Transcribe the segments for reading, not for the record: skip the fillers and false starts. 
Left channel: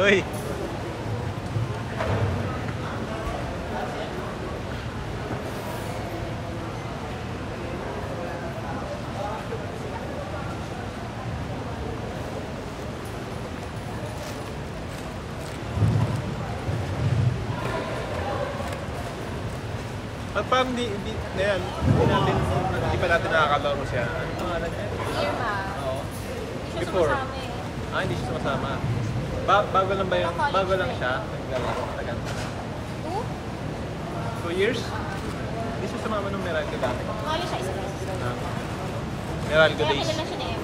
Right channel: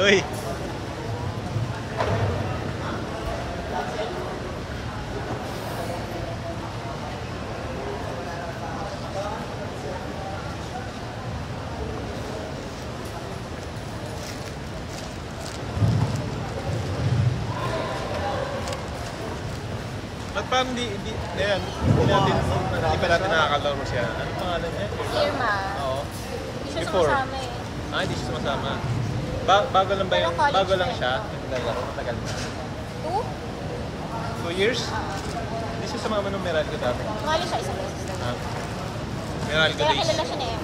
Uy. Ba't parang na yan, di pa natin nakakalaro siya. Anong pangalan niya? Irma? Oo. Before. Hindi siya sumasama. Bago lang ba yung, bago lang siya, naglalaro, matagal na. 2 years? Hindi siya sumama nung Meralco dati. Wala siya isang beses. Meralco days. Kaya kilala siya niya.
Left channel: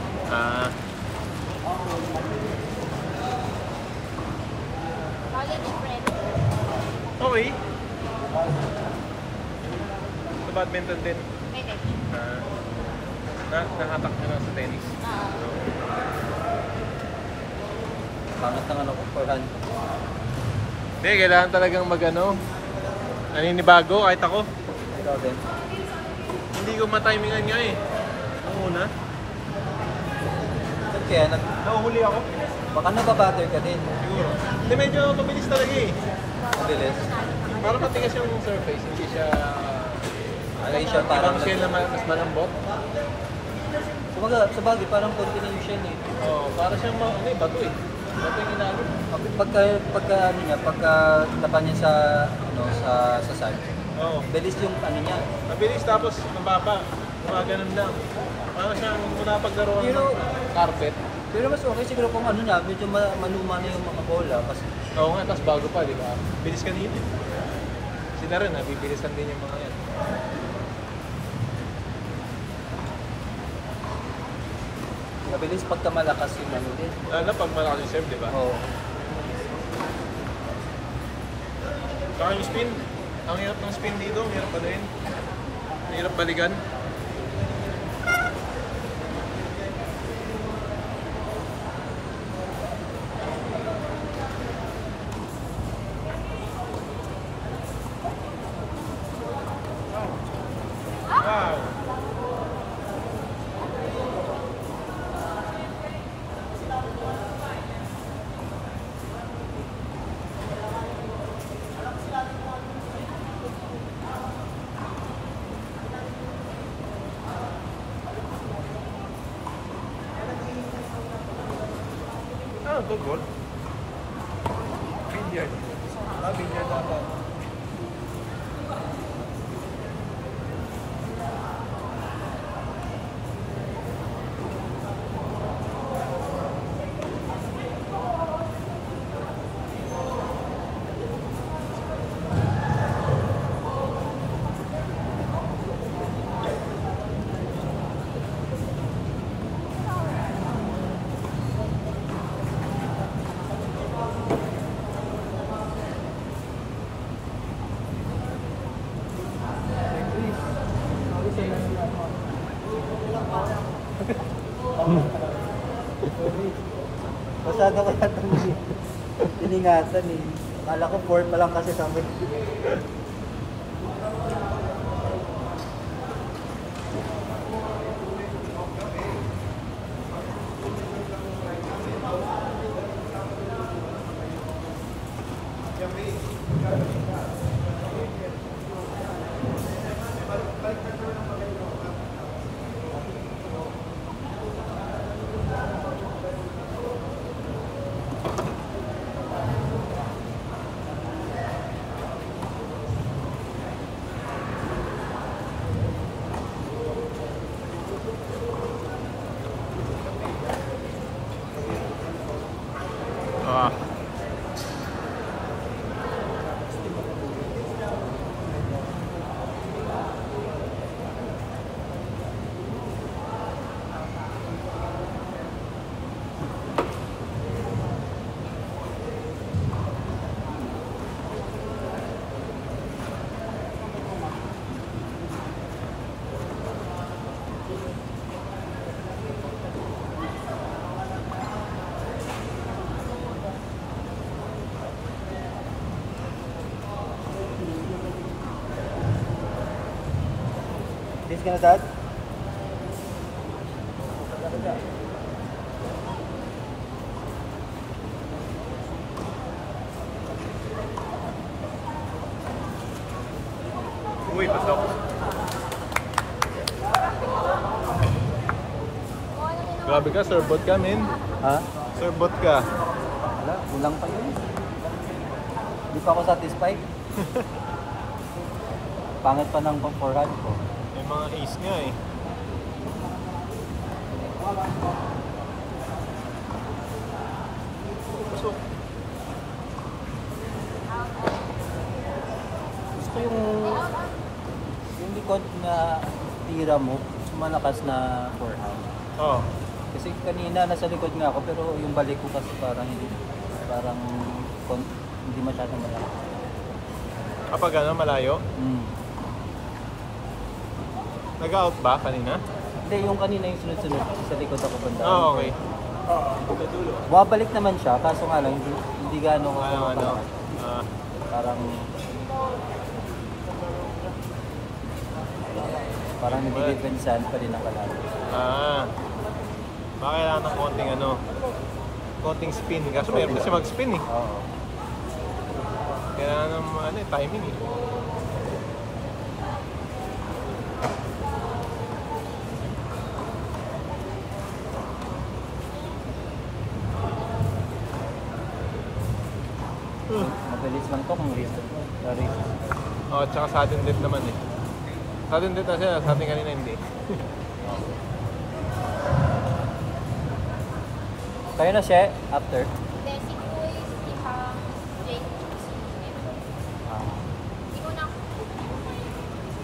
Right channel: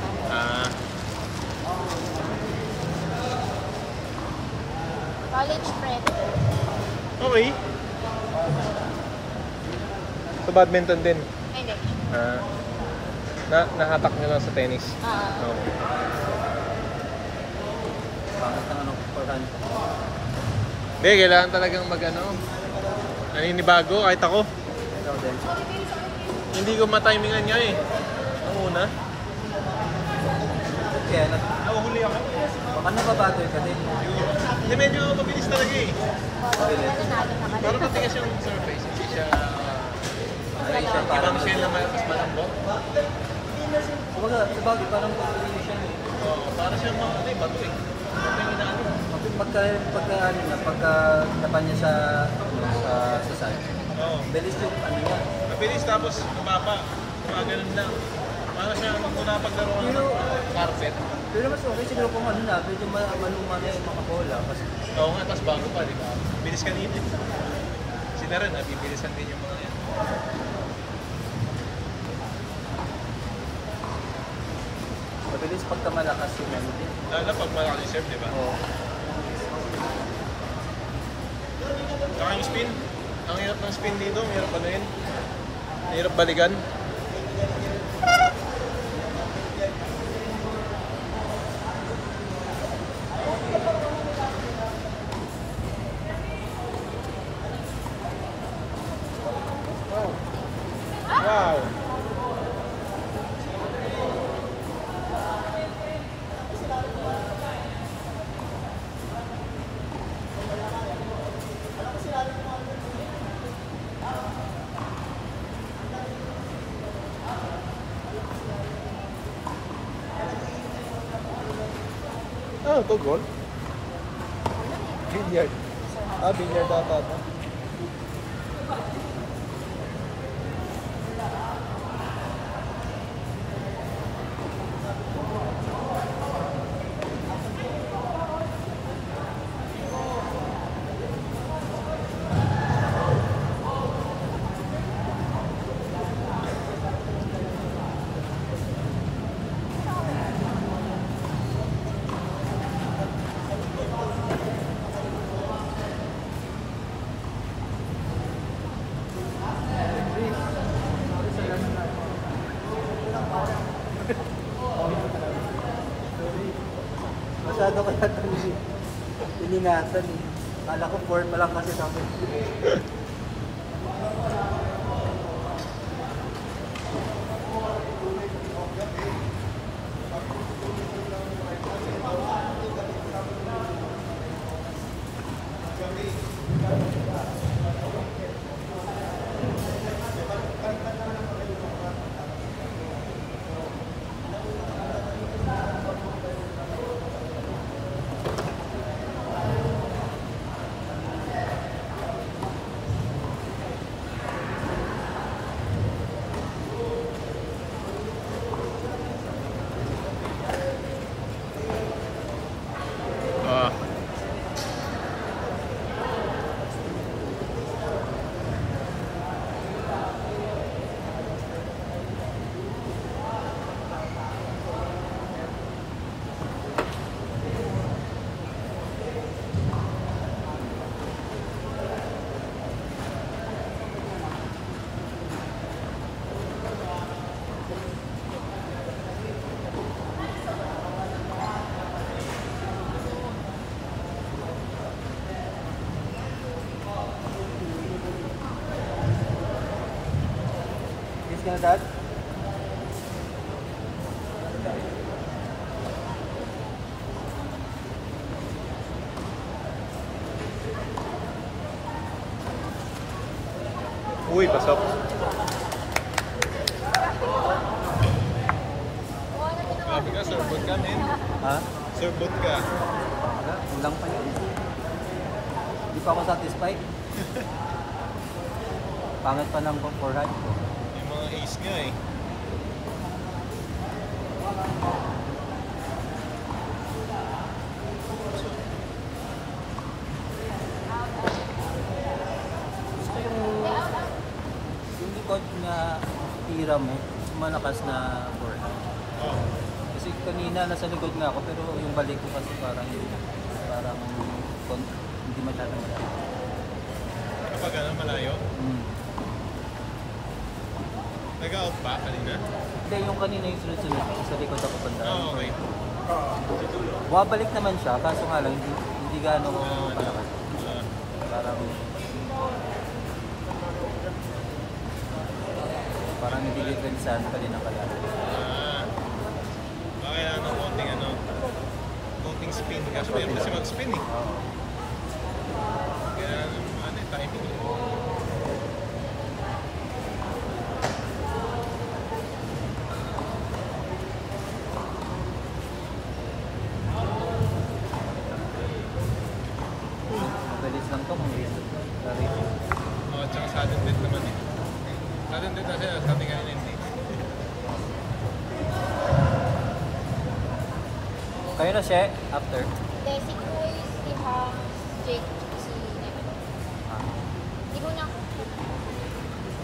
College friend. Okay. So badminton din. Hindi. Nahatak nyo lang sa tennis. No. Hindi, kailangan talagang naninibago kahit ako. Hindi ko matimingan niya eh. Ang una. Kaya Nauhuli ako. baka nababatay ka din. Siguro. Hindi, medyo mabilis talaga eh. Bilis. Para matigas yung surface, hindi siya ibang shell na mas malambot. Kumbaga, sa bagay, parang pag-piling siya. Oo, para siyang bato eh. Bato yung ilalim. Pagka tapan niya sa side. Oo. Bilis yung ano niya. Mabilis tapos mababa. Ganun lang. Para siyang kung napaglaro ng carpet. Pero mas okay siguro kung medyo manumana yung bola. Oo nga, tapos bago pa, di ba? Bilis kanina. Sila rin, bibilisan din yung mga yan. Mabilis pagka malakas yung ano din. Lalo na pag malaki yung serve, di ba? Oo. Saka yung spin. Ang hirap ng spin dito, ang hirap ano yun. Ang hirap balikan. Wow! Good goal. Vineyard. Vineyard dapat. Masyado ka na iningatan eh. Kala ko 4 pa lang kasi sabi. Ka na, Dad? Uy, pasok. Grabe ka, serbot ka, men. Ha? Serbot ka. Wala, lang pa yun. Hindi pa ako satisfied. Pangit pa ng pang-400. May mga ace nga eh. Pasok. Gusto yung likod na tira mo, malakas na forehand. Oh. Kasi kanina nasa likod nga ako, pero yung balik ko kasi parang hindi masyadong malakas. Kapag ano, malayo? Nag-out ba kanina? Hindi, yung kanina yung sunod-sunod sa likod ako punta. Oh, okay. Wabalik naman siya, kaso nga lang, hindi gano'n ka. Ah, Parang hindi depensahan pa rin ako. baka kailangan ng konting ano, konting spin. Kaso may kasi mag-spin eh. Kaya naman ano, timing. Mabilis lang to, mabilis. Oh, tsaka sudden death naman eh. Sudden death na siya, sabi kanina hindi. Kayo na siya, after. Hindi, siguro yung Jake kasi hindi ko na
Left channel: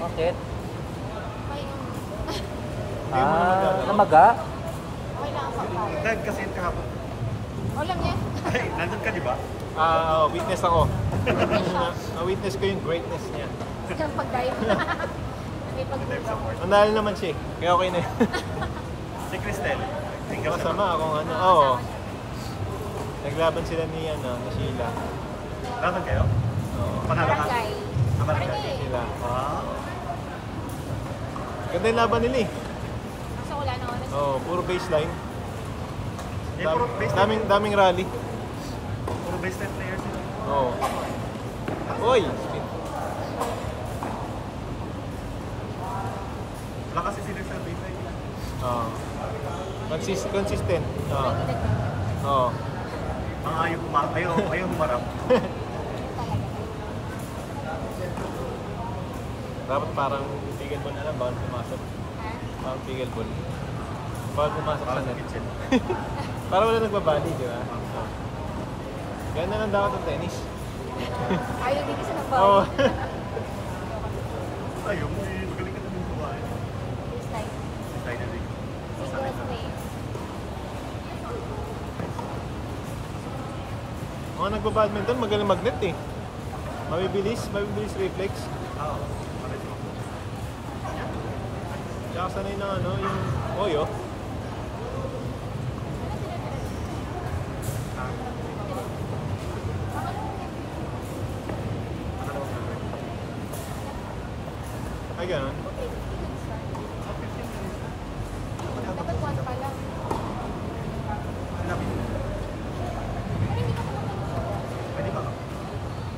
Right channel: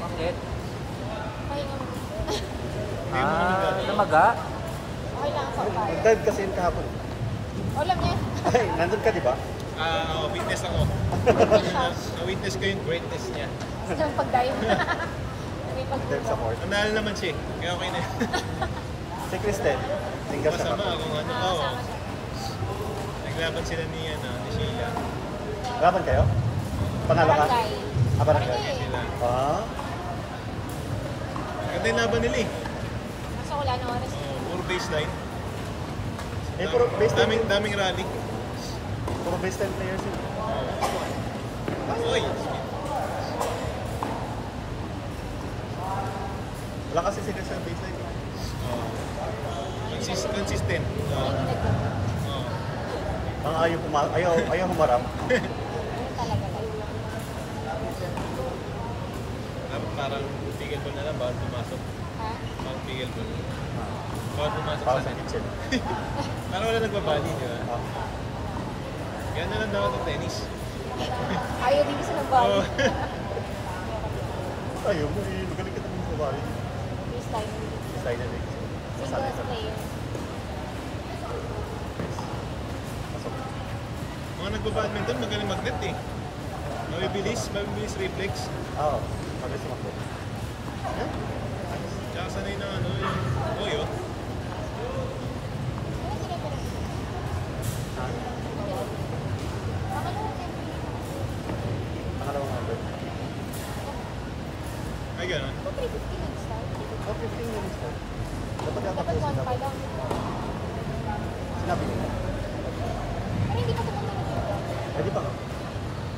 Bakit? Hindi mo naman gano'n. Namaga? okay lang ako. Magdad kasi yung kahapon. Wala na yun. Ay, nandun ka di ba? Witness ako. Na-witness ko yung greatness niya. Yung pag-dive. May Next ako. Nanalo naman siya eh. Kaya okay na. Si Kristen. Masama kung ano. Oo. Naglaban sila ni, ni Sheila. Laban kayo? Panalo ka? Barangay. Barangay. Kaya sila. Ah? Ganda yung laban nila eh. So wala na oras. Oo, puro baseline. Puro baseline. Daming rally. Puro baseline players sila. Oo. Oy! Wala kasi sila sa baseline. Oo. Consistent. Oo. Oo. Mga ayaw humarap. Dapat parang tigil ball na lang, bawal pumasok. Parang tigil ball. Bawal pumasok Para sa sa net. kitchen. Parang wala nagbabali, di ba? Ah. Ganda lang dapat ng tennis. Ayaw din sa pag Oo. Ayaw mo eh. Magaling ka naman sa bali. Design na rin. Masanay sa Mga nagbabadminton, magaling magnet eh. Mabibilis reflex. Oo. Para sa makdo. Tsaka sanay na ano, yung oyo. Ha? Baka naman nga. Ay, gano'n. Oh, 15 minutes lang. Dapat katapusin dapat. Sinabi niyo. Pwede ba ka?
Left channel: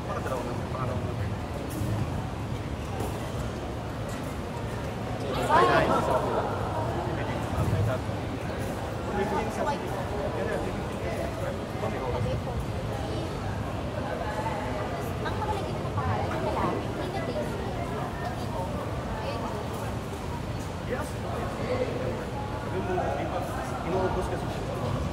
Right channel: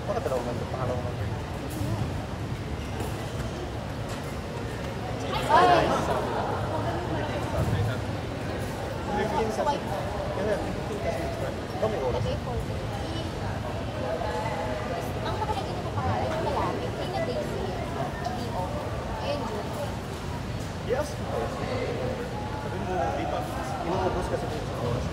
Baka dalawang number, pangalawang number. Ay, sabi. Ay, sabi. 15 sa yun na, 15 kasi extra. Ikaw may oras. Yes. Sabi mo, di pa, inuubos kasi sa oras.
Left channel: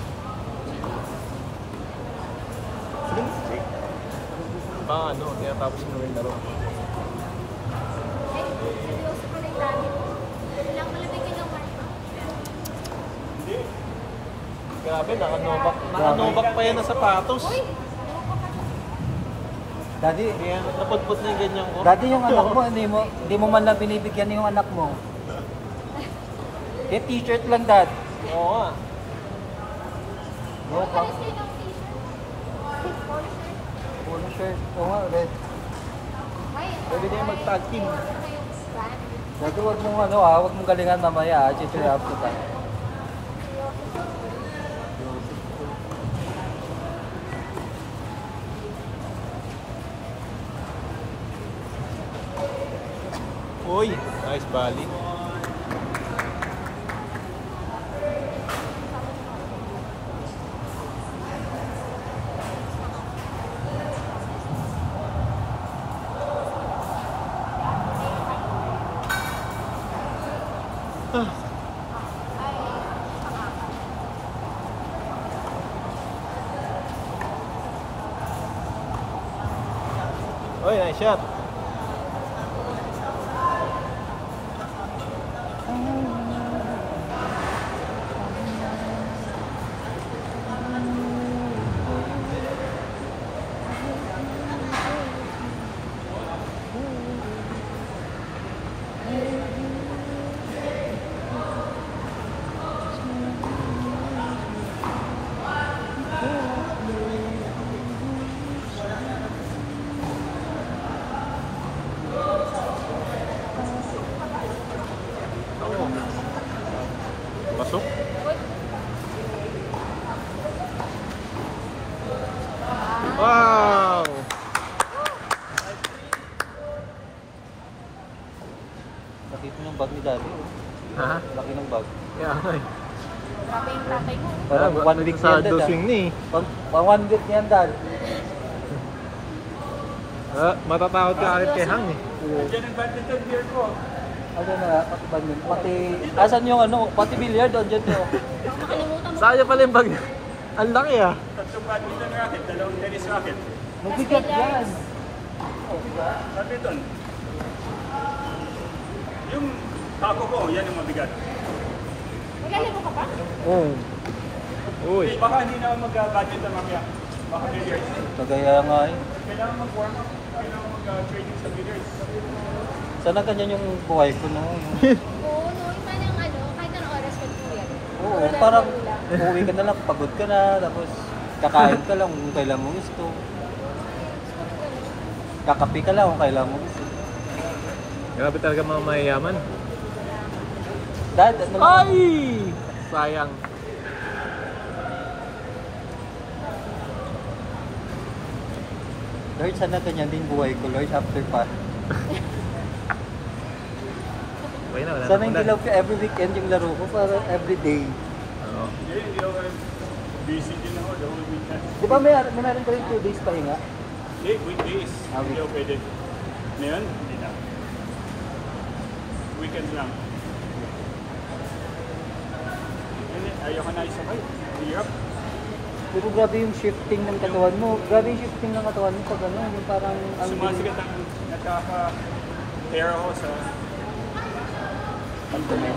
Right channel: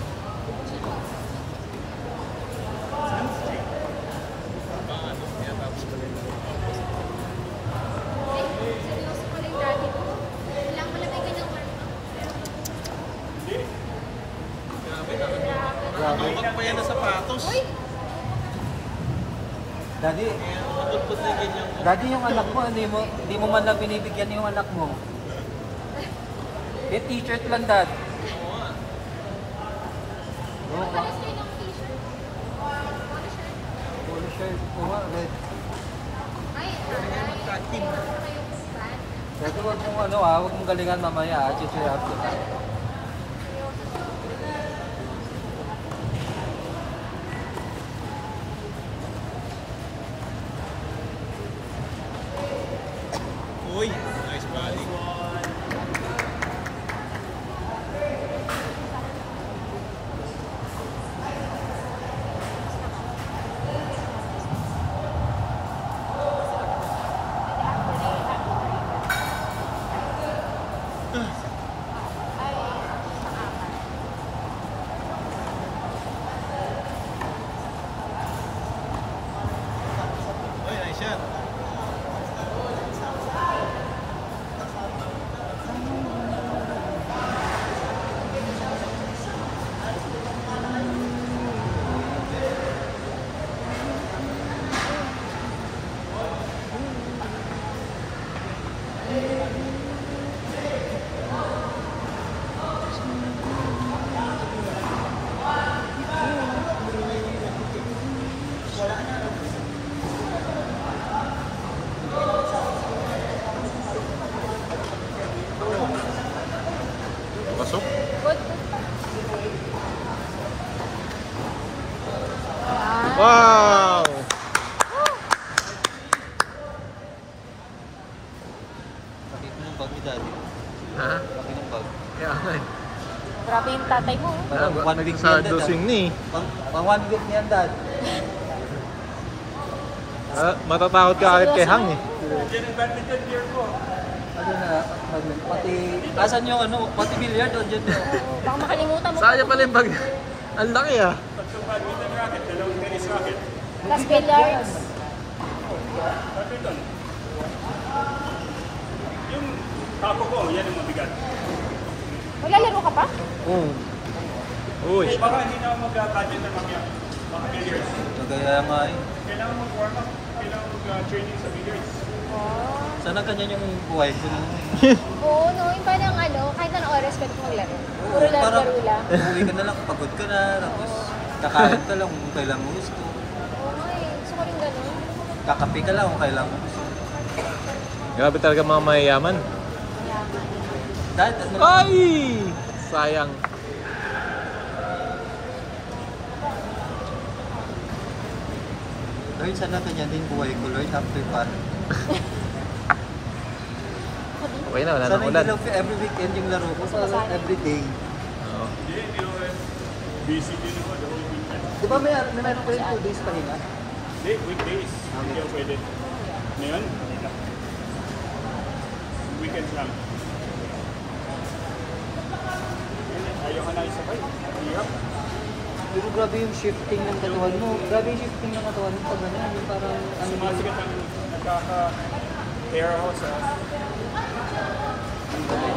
Baka ano, tinatapos mo yung laro. seryoso pala yung daddy mo. Walang malamig ka ng warm-up. Grabe, nakanubak pa yan na sapatos. Uy! Daddy, Napudpud na yung ganyan ko. Daddy, yung anak mo, hindi mo man lang binibigyan yung anak mo. T-shirt lang, Dad. Oo nga. Ano pala sa'yo ng t-shirt? All shirt? Full shirt. Oo nga, red. Ay, Pwede na yung mag-tag team. Huwag mong huwag mong galingan mamaya. Chichirap ko tayo. Uy, nice body. Uy, nice shot. Ako. Pasok. Wow! Nakita ng bag ni Daddy. Ha? Nakita ng bag. Yeah, okay. Grabe yung tatay mo. Sa dosing ni. One week niyan, Dad. Matatakot ka agad kay Hang eh. Ano na, pati... Asan yung ano, pati billiard doon dyan. Baka makalimutan mo. Sayang pala yung bag. Ang laki ah. Plus billiards. Yung tapo ko, yan yung mabigat. Maglalaro ka pa? Oo. Uy. Baka hindi naman mag-budget na makya-billiards. So kaya nga eh. Kailangan mag-warm up, kailangan mag-training sa billiards. Sana ganyan yung buhay ko noon. Oo, no. Yung parang ano, kahit anong oras ka maglaro. Oo, Puro parang laro lang. uuwi ka na lang, pagod ka na, tapos kakain ka lang kung kailan mo gusto. Ay, gusto ko rin ganun. Kakape ka lang kung kailan mo gusto. Grabe talaga mga mayayaman. Dad, ano? Ay! Sayang. Lord, sana ganyan din buhay ko, Lord, after pa. Okay na, wala Sana nang hindi ulan. lang every weekend yung laro ko, sana every day. Oo. Hindi ako basically naman, the whole week na. Di ba meron ko yung 2 days pahinga? Hindi, weekdays. Hindi ako pwede. Ngayon, weekends lang. Ayaw ka na isakay. Hirap. Pero grabe yung shifting ng katawan mo. Grabe yung shifting ng katawan mo pag gano'n. Parang ang Sumasikip ang nagkaka-air ako sa... Ang dami.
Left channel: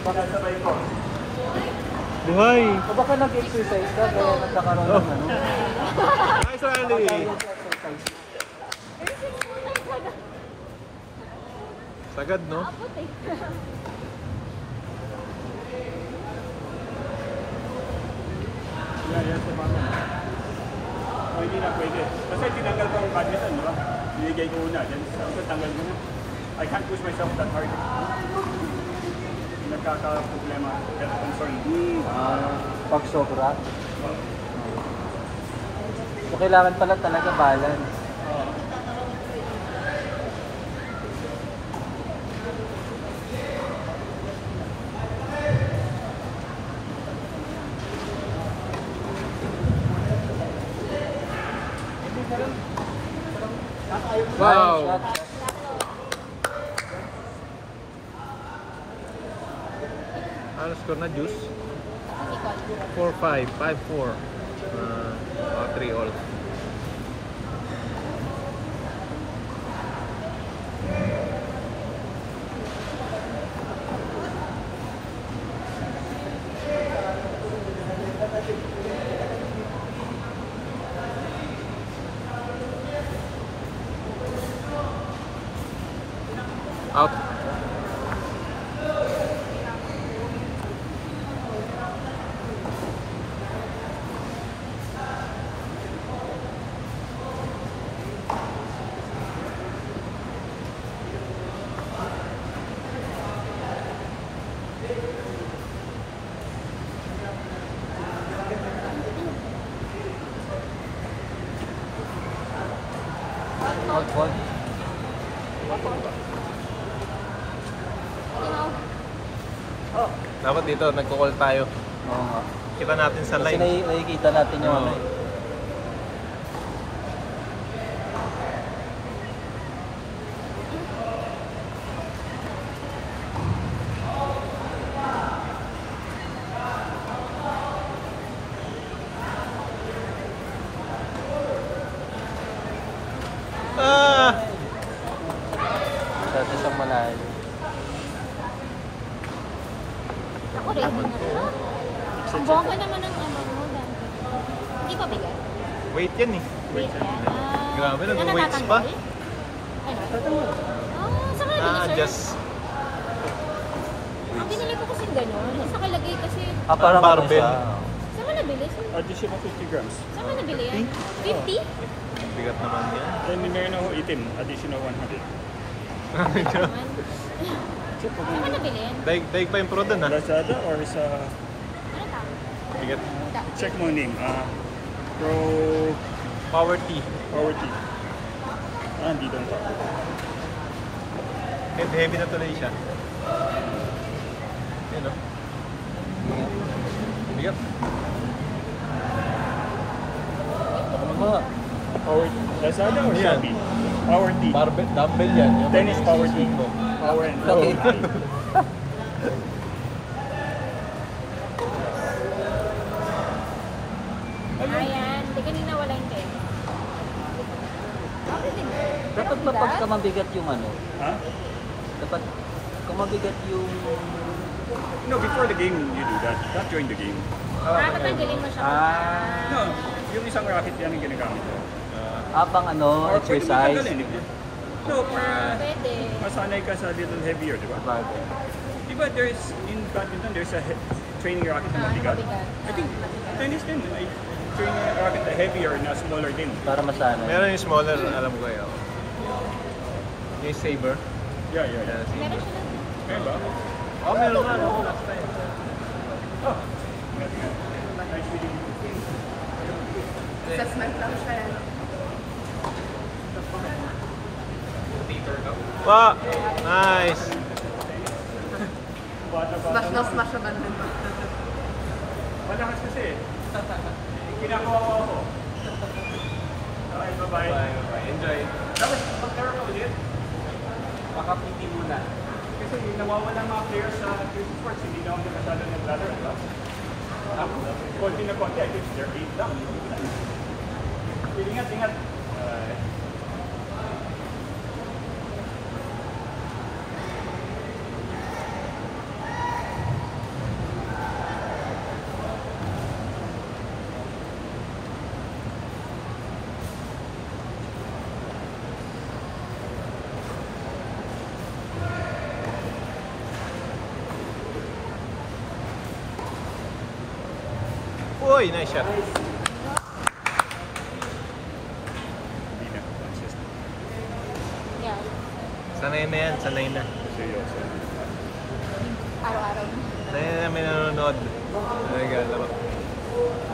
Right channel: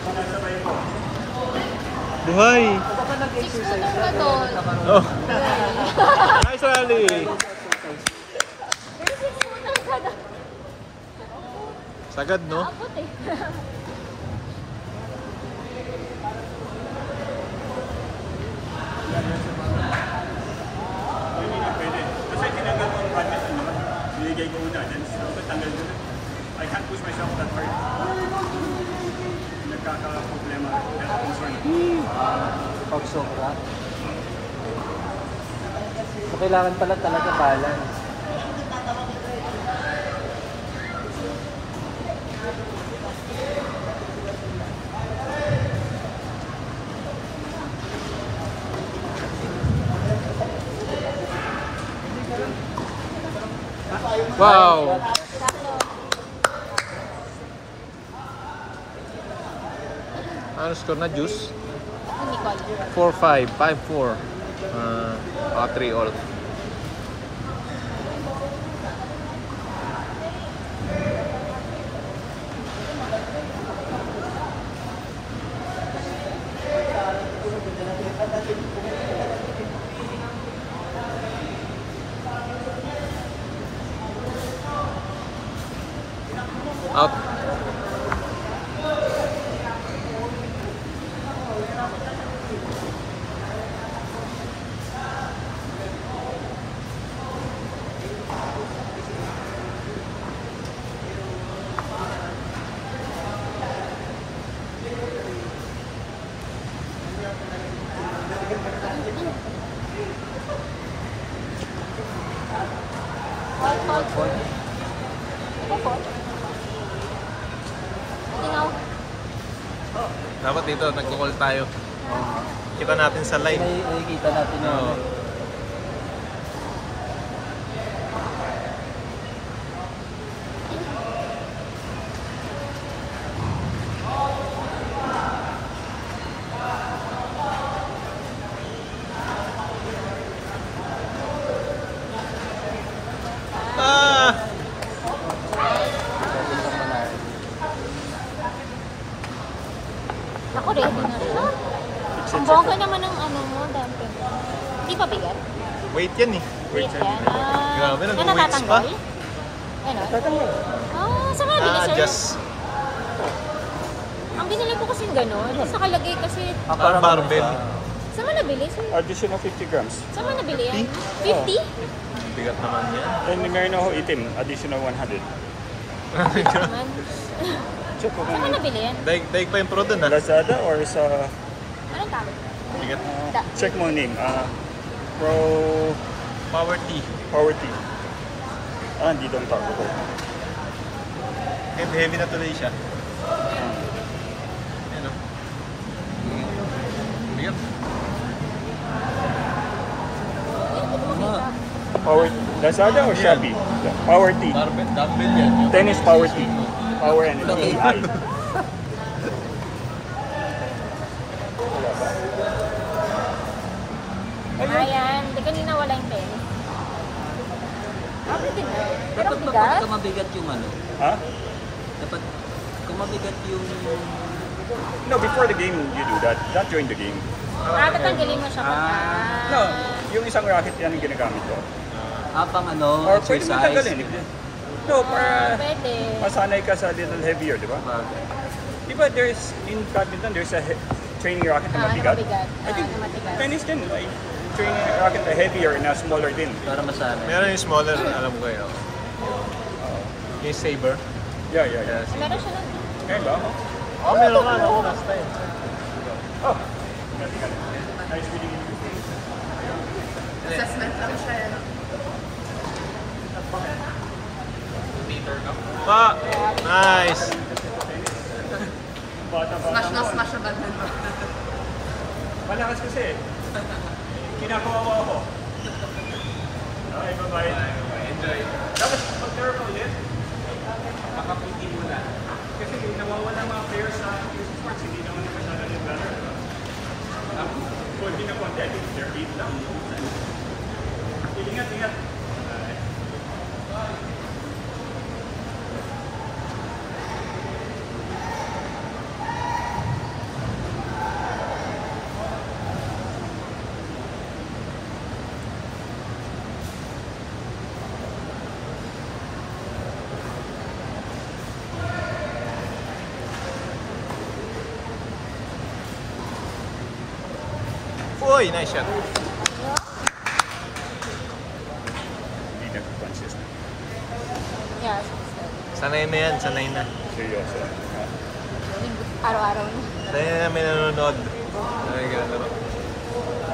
Pakasabay mo. Buhay! Kapag ka nag-exercise ka, kaya nagkakaroon Oh. ng ano. Nice rally! Sagad, no? Hindi na pwede. Kasi tinanggal ko ang budget, ano? Niligay ko muna. Then, tanggal mo. I can't push myself that hard. Nagkaka-problema. That's a concern. Pag sobra. So, kailangan pala talaga balance. Wow! Ano score na, Juice? Hindi ko alam. 4-5, 5-4. 3 all. Out. Dapat dito, nagko-call tayo. Kita natin sa line. Kasi nakikita natin yung Oo. Ah! Ako rin. Naman to, oh. Ang bongga naman ng ano mo, dumpling. Hindi pa bigat? Weight yan eh. Wait yan. Grabe, Hindi nag-weights natatanggal? pa. Ano? Saan ka nabili, sir? Na-adjust. Ang binili ko kasing gano'n. Sa kalagay kasi. Parang barbell. Saan ka nabili, sir? Additional 50 grams. Saan ka nabili yan? 50? Bigat naman yan. And meron ako itim, additional 100. Naman. Check ko Saan ka kung nabili yan? Daig pa yung pro dun ah. Lazada or sa... Ano tawag? Bigat. check mo name. Pro Power T. Power T. Hindi doon pa. Heavy na tuloy siya. Yan oh. Bigat. Power Lazada or Yan. Shopee? Power T. Barbell, dumbbell yan. Yung Tennis Power T. mo. Power and Ayan. Hindi kanina wala yung pen. Bakit din? Dapat kapag mabigat yung ano, Huh? dapat kung mabigat yung No, before the game you do that. Not during the game. Tatanggalin mo siya pagka. No, yung isang racket yan ang ginagamit ko. habang ano, Or pwede mo exercise. tanggalin. No, para Pwede. masanay ka sa little heavier, di ba? Di ba there's, in badminton, there's a training racket na mabigat? Mabigat. I think Mabigat. tennis din, like, training racket na heavier na smaller din. Para masanay. Meron yung smaller, alam ko yun. Yung saber. Yeah, yeah, yeah. Yeah, saber. Meron siya. Kaya ba? Oh, meron nga. Ako last time. Oh! Nice meeting you. Assessment lang siya. Pa! Nice! Bata-bata Smash na mo. smash na badminton. Malakas kasi. Kinakawawa ako. Okay, bye-bye. Enjoy. Tapos, pag-term ulit, nakapunti muna. Kasi nawawala mga players sa music sports, hindi na ako nakasala ng ladder, di ba? Konti na konti, I think they're 8 lang. Ingat, ingat. Uy, nice shot. Hindi nag-consistent. Yeah. Sanay na yan, sanay na. Seryoso. Araw-araw. Sanay na may nanonood. Naglalaro.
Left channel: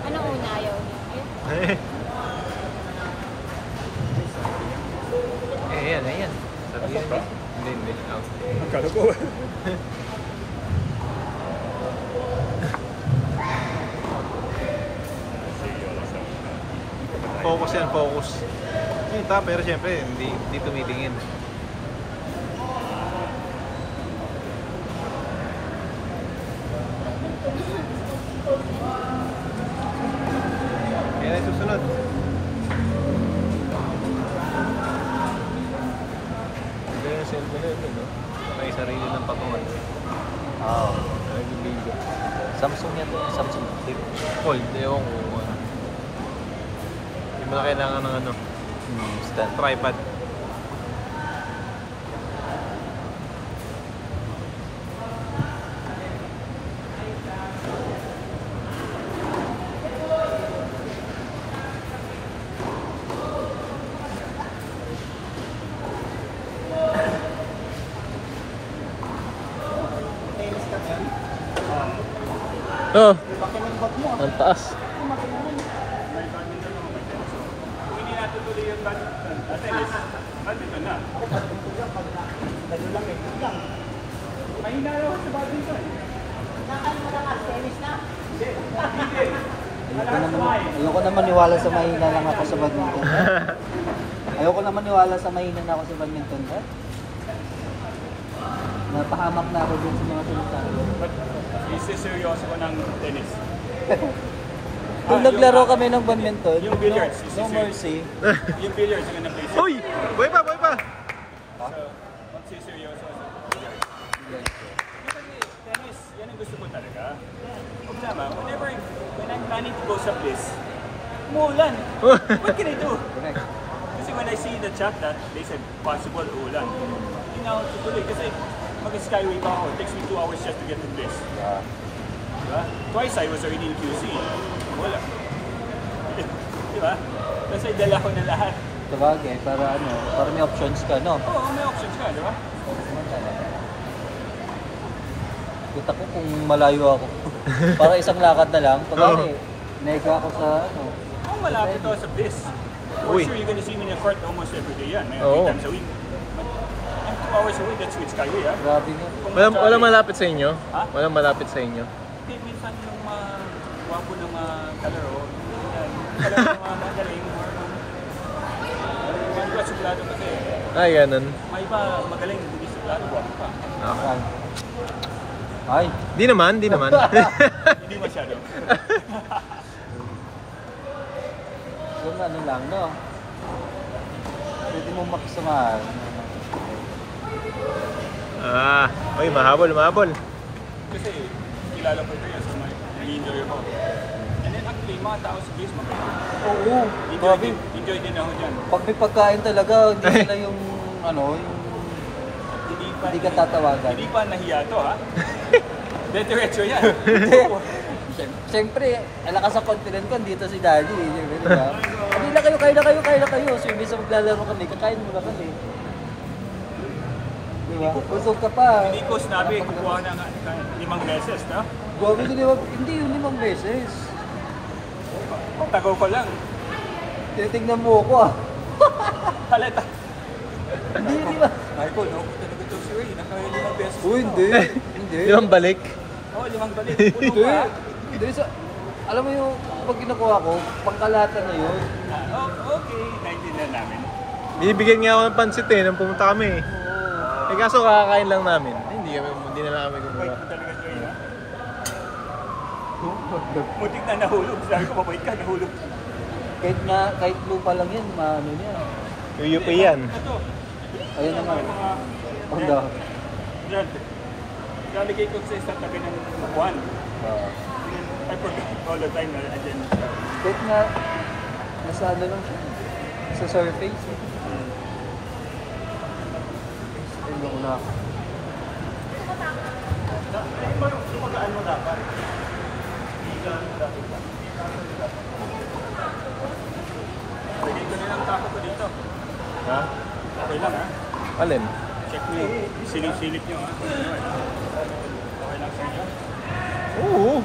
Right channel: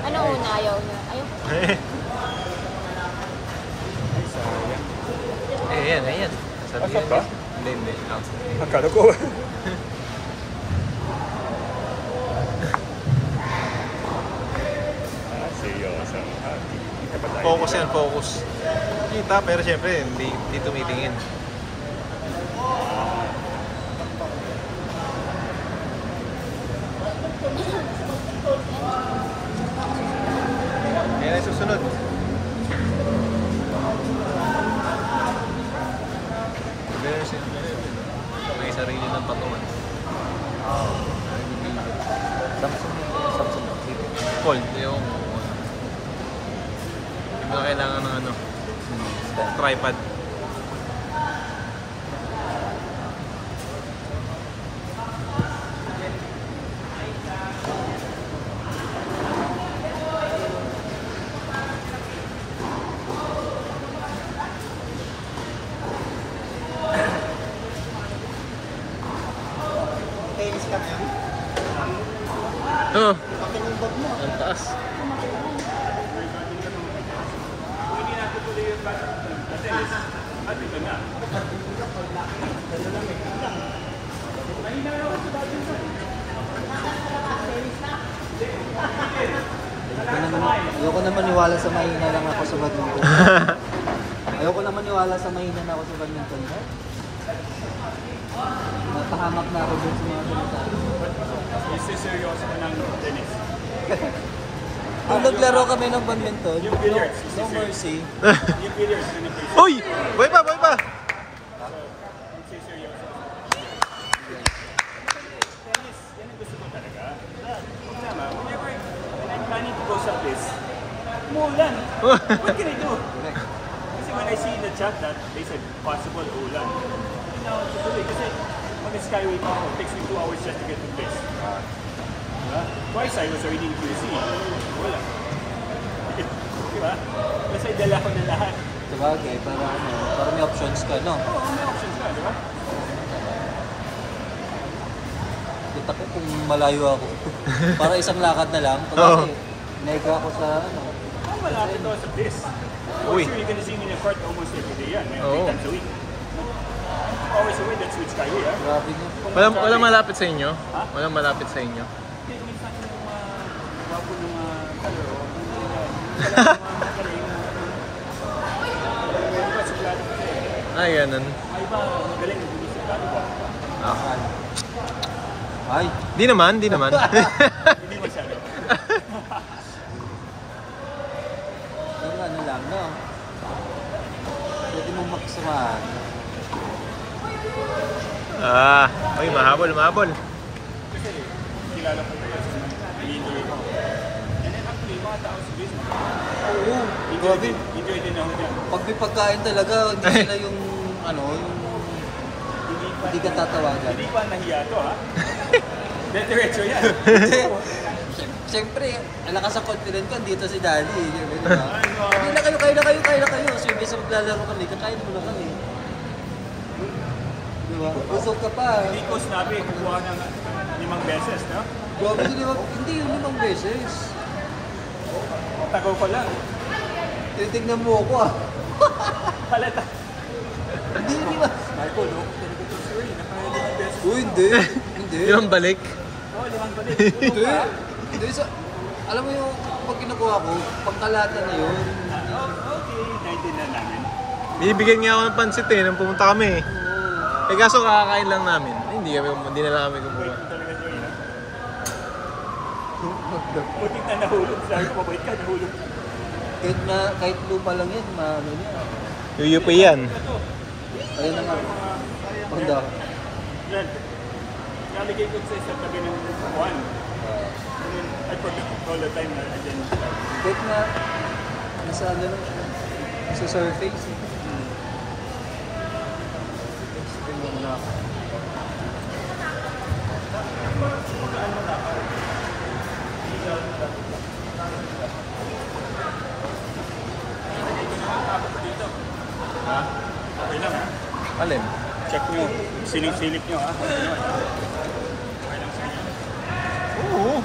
Ano una? Ayaw na. Ayan, ayan. Sabi yan. ba? Hindi, hindi. Out. Akala ko. Seryoso. Focus yan, focus. Kita, pero syempre, hindi tumitingin. Yan ay susunod. Pero siyempre, no? May sarili ng patungan. Ay, bibigyan. Samsung yan. Samsung. Fold, ewan ko kung ano. Hindi mo na kailangan ng ano, tripod. Tennis ka ngayon? Oh, ang taas. sa mahina lang ako sa badminton. Ayoko naman maniwala sa mahina na ako sa badminton. Napahamak na ako dun sa badminton. Isiseryoso ko ng tennis. Kung naglaro kami ng badminton, Yung billiards, yung Mercy, Yung billiards na nag-play. Uy! Boy pa, boy pa! Isiseryoso. Tennis, yan ang gusto mo talaga. Tama, whenever I'm planning to go sa place, umuulan. What can I do? Kasi when I see in the chat na they said possible ulan. Hindi na ako masulit kasi when the sky will come, it takes me 2 hours just to get to the place. Twice I was already in QC. Wala. Diba? Kasi dala ko na lahat. sabagay, para may options ka, no? Kita ko kung malayo ako. Para isang lakad na lang, Oo. kasi nega ako sa ano. Malapit ako sa place. Uy. So you're gonna see me in the park almost every day yan. Oo. Times a week. Always a week, that's what it's skyway. Grabe nga. Walang malapit sa inyo? Walang malapit sa inyo? Ay, ganun. Ah. Ay, Di naman, di naman. yung ano lang, no? Pwede mo makisamahan. Uy, mahabol, mahabol. Oo, grabe. Pag may pagkain talaga, hindi na yung ano, yung hindi ka tatawagan. Hindi pa nahiya to ha. Diretso yan. Siyempre, alakas sa continent ka, dito si Daddy. Di ba? Hindi na kayo, kain na kayo. So, yung isang lalaro kami, kakain mo na kami. Di ba? Busog ka pa. Hindi ko sinabi, kukuha ng 5 beses na. Grabe, di ba? Hindi, yung 5 beses. Tago ko lang. Titignan mo ako ah. Halata. Hindi, di ba? Uy, hindi. Hindi. Di ba balik? Hindi. Hindi. Alam mo yung pag kinukuha ko, pangkalatan na yun. Okay, naintindihan namin. Binibigyan nga ako ng pansit nung pumunta kami. Oo. Eh kaso kakakain lang namin. Hindi na lang kami kumuha. Butik na nahulog. Sabi ko, wait ka, nahulog. Kahit lupa lang yun, ano niya. Yuyupi yan. Ayun na nga. Pagda. Yan. Naligay ko sa isang taga ng buwan. I forgot all the time na again. Kahit na, nasa ano lang siya. Sa surface. Explain lang na. Ha? Okay lang ha? Alin? Check nyo. Silip-silip nyo ha? Okay lang sa inyo. Oo.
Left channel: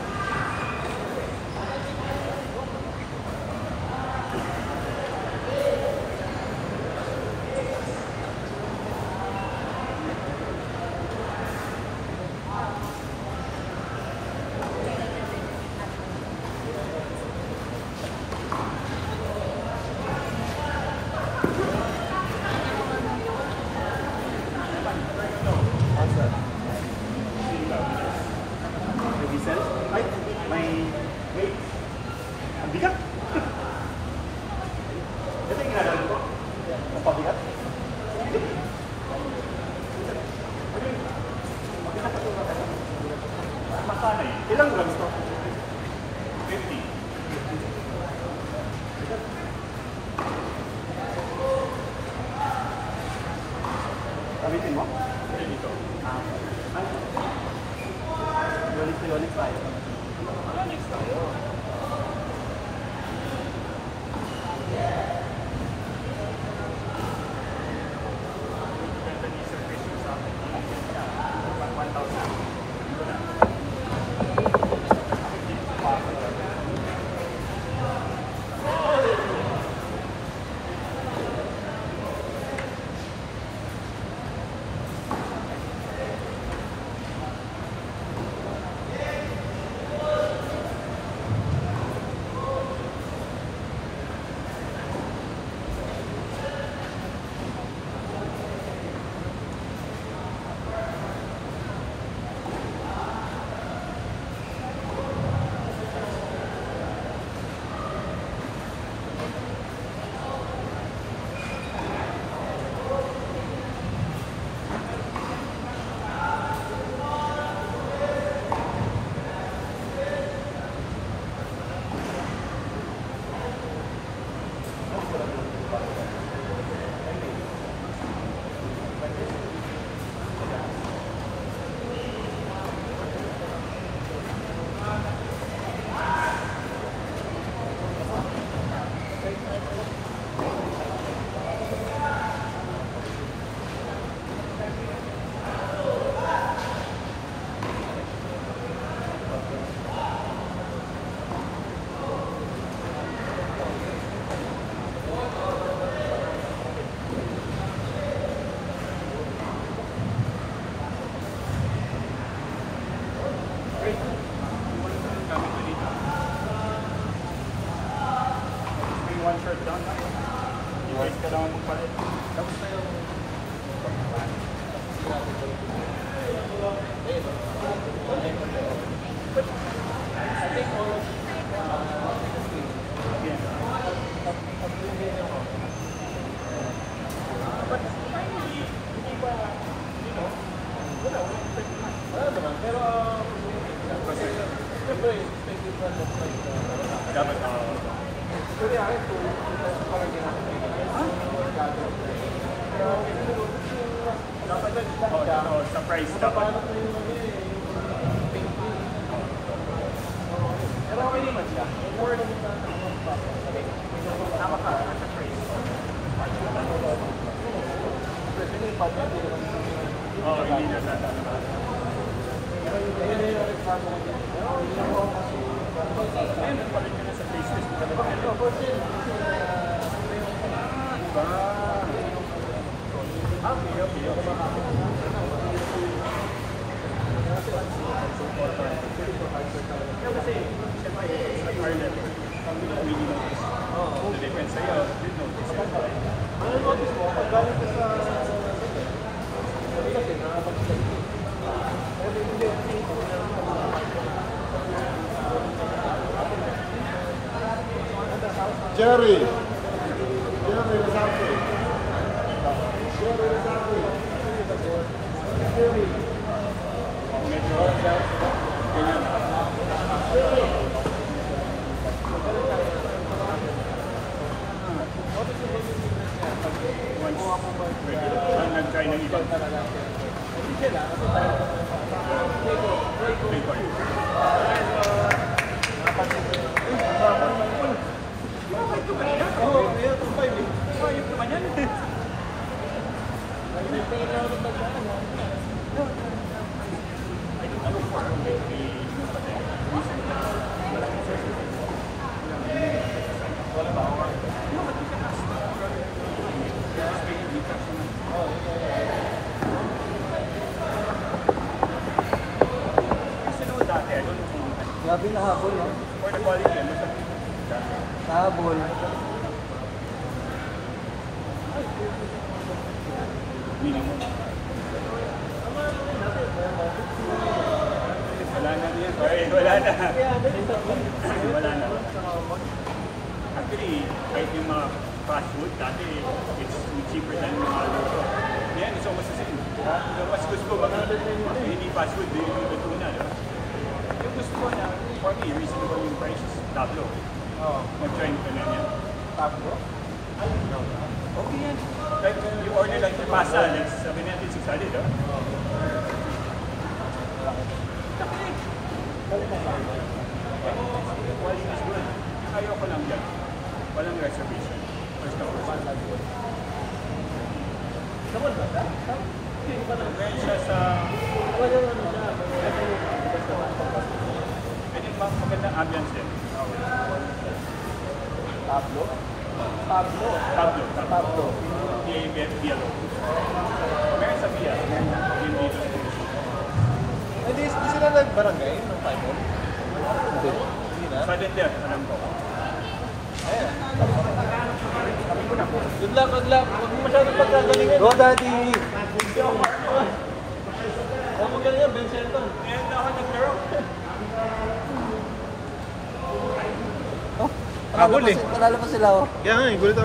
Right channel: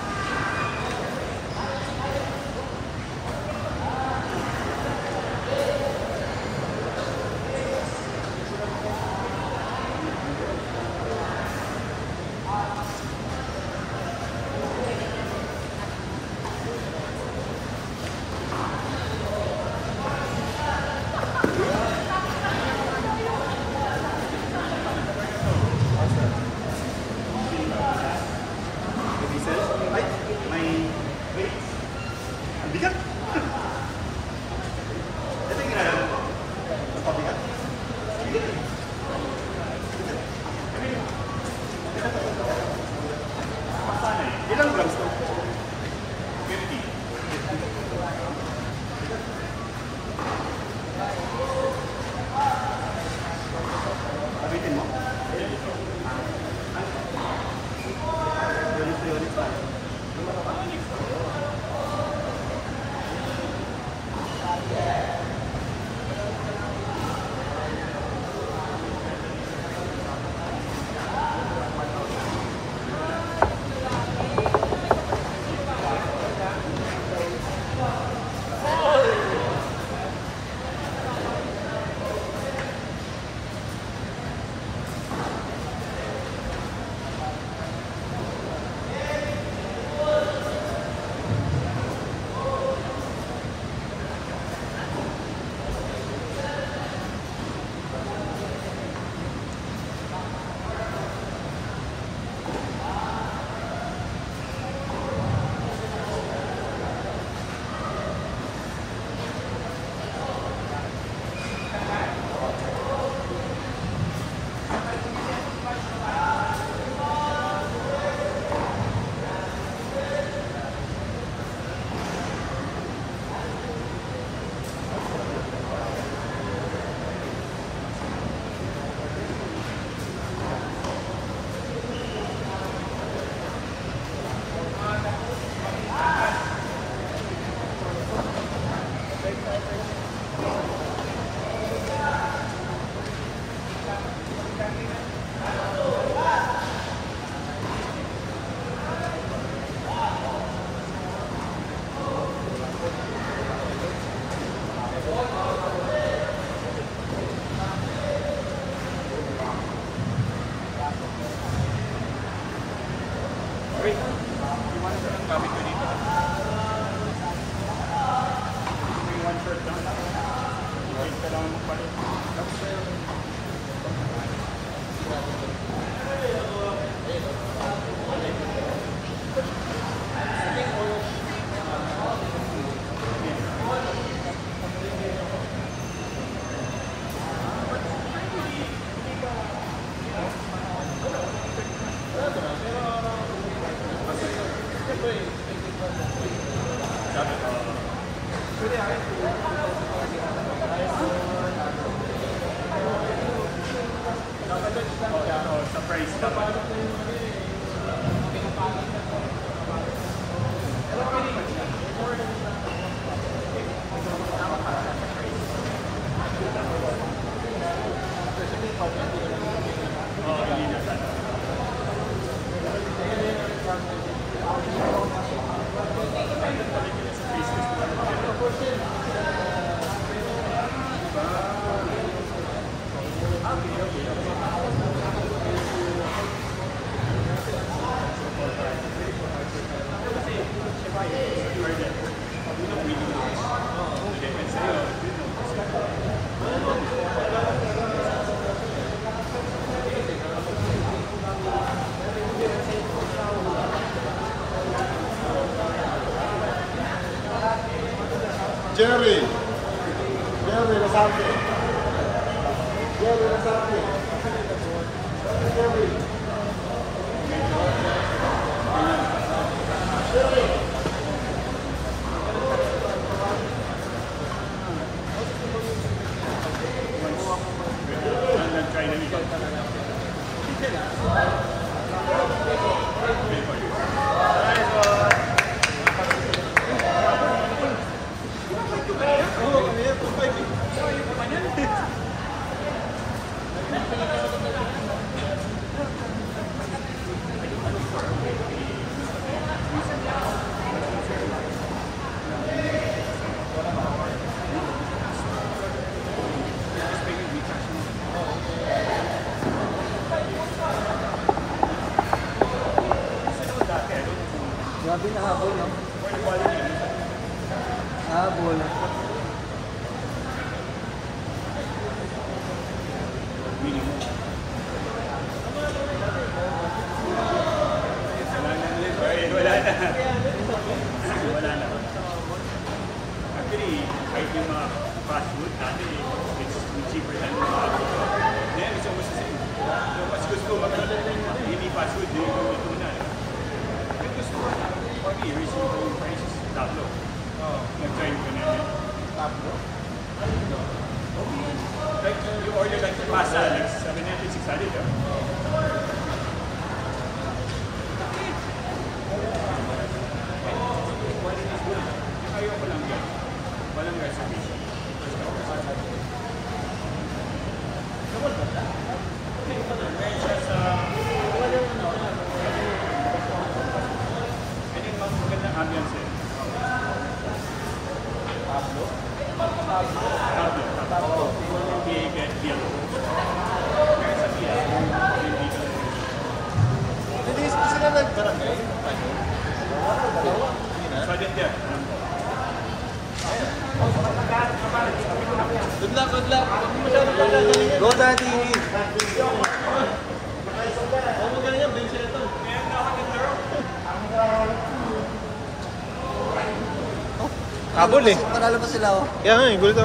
Jerry, Lasarte. Jerry Lasarte. Jerry. Good luck, good luck. Huwag mo masyadong pagkagalingan. Go Daddy! Huwag mo ganyan, Vincento. Habol eh. Panalo pa sila oh. Kaya nga eh, gulit ako.